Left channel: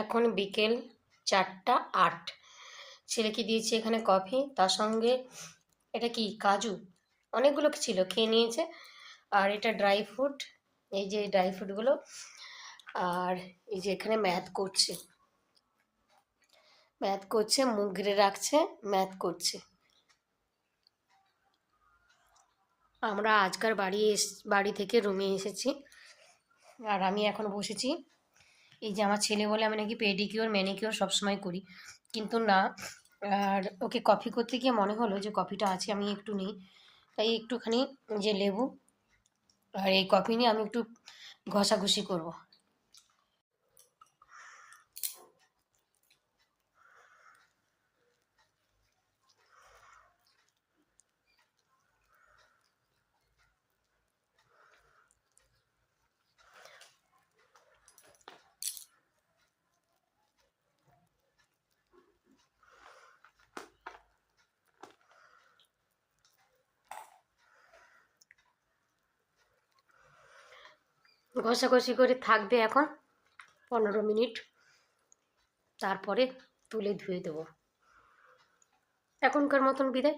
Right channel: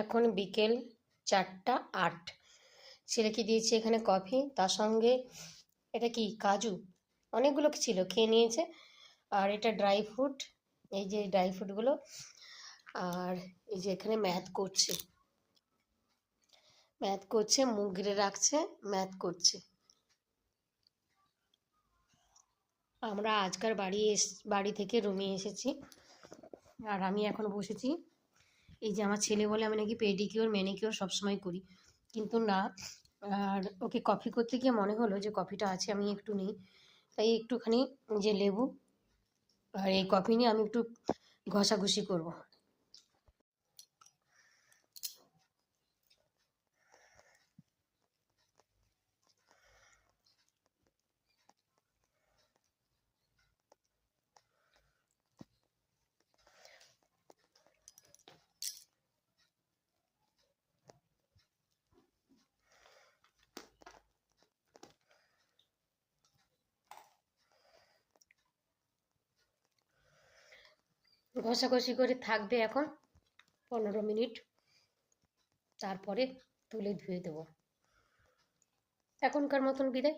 এখন বিকেল 4:08। ছেলেকে দিয়েছি এখানে কফি, তার সঙ্গে এটা কি কাজু, অনেকগুলো ছিল, খেয়ে নিয়েছে। আর এটা ড্রাই ফ্রুট, এই যে ড্রাই ফ্রুটগুলো। আর এই যে এখানে ম্যাথ করছে, মুখ ঘিরে রাখছে, ম্যাথ করছে। আমরা আজকার বাড়ি থেকে রুমে এসেছি, আর আমি এখন বসেছি। এই যে আমার ছেলে বলে আমি নাকি পেডিকিওর ম্যানিকিওর সবসময় করি, কিন্তু না। আর ওকে কফি করতে গিয়ে মনে হলো যে কফিটা আছে, আমি একটু নিই। তাই একটুখানি যে লেবু আর এই কফি নিয়ে আমি একটু ঘষাঘষি করব। ঘষাঘষি করে থাকবে এখন 15 মিনিট, তারপরে তুলে ধুয়ে দেবো। এখনকার মতন বিদায়।